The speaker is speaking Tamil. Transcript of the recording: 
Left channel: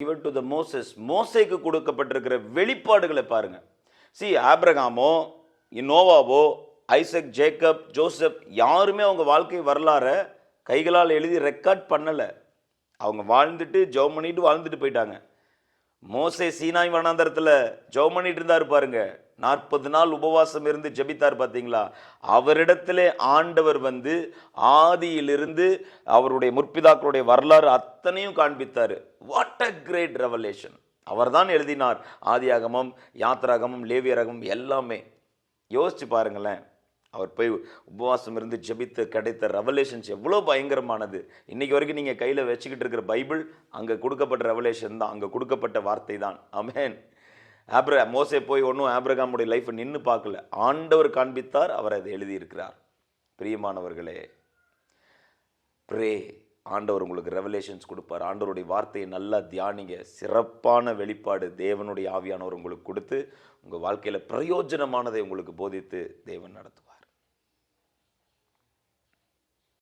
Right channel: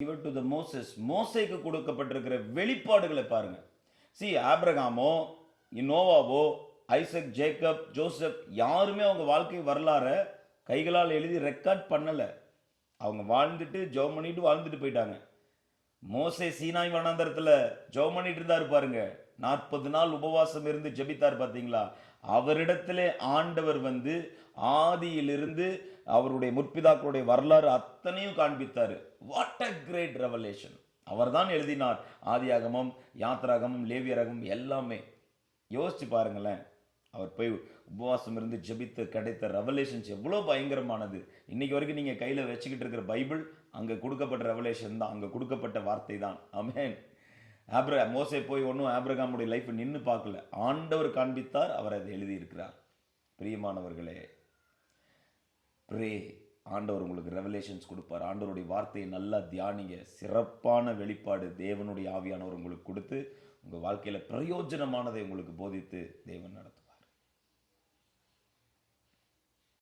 given to the Moses. மோசேக்கு கொடுக்கப்பட்டிருக்கிற வெளிப்பாடுகளை பாருங்க. See, ஆபிரகாமோ நோவாவோ ஐசக் ஜேக்கப் ஜோசப் யாருமே அவங்க வாழ்க்கை வரலாற கைகளால் எழுதி ரெக்கார்ட் பண்ணல. அவங்க வாழ்ந்துட்டு ஜெபம் பண்ணிட்டு வாழ்ந்துட்டு போயிட்டாங்க. மோசே சீனாய் வனாந்தரத்தில் ஜெபம் பண்ணிட்டு இருந்தாரு பாருங்க. 40 நாள் உபவாசம் இருந்து ஜெபித்தார் பார்த்தீங்களா? அவரிடத்திலே ஆண்டவர் வந்து ஆதியிலிருந்து அவருடைய முற்பிதாக்களுடைய வரலாறு அத்தனையும் காண்பித்தார். What a great revelation! அவர் தான் எழுதினார் ஆதியாகமம், யாத்ராகமம், லேவியராகமம் எல்லாமே. யோசிச்சு பாருங்களேன். அவர் போய் உபவாசம் இருந்து ஜெபித்து கிடைத்த ரெவலேஷன்ஸ் எவ்வளோ பயங்கரமானது. இன்னைக்கு வரைக்கும் நீங்கள் கையில் வச்சுக்கிட்டு இருக்கிற பைபிள் அங்கே கொடுக்கப்பட்ட ரெவலேஷன் தான், அங்கே கொடுக்கப்பட்ட வார்த்தை தான். ஆமென். மோசே போய் ஒன்றும் ஆபிரகாமுடைய லைஃப்பை நின்று பார்க்கல, ஆண்டவர் காண்பித்தார், அவர் அதை எழுதியிருக்கிறார். பிரியமானவர்களே, ப்ரே, ஆண்டவர் உங்களுக்கு ரெவலேஷன்ஸ் கொடுப்பார். ஆண்டவருடைய வார்த்தையை நல்லா தியானிங்க. சிறப்பான வெளிப்பாடு தேவனுடைய ஆவியானவர் உங்களுக்கு கொடுத்து உங்கள் வாழ்க்கையில் பிரயோஜனமானதை உங்களுக்கு போதித்து தேவன் நடத்தும்.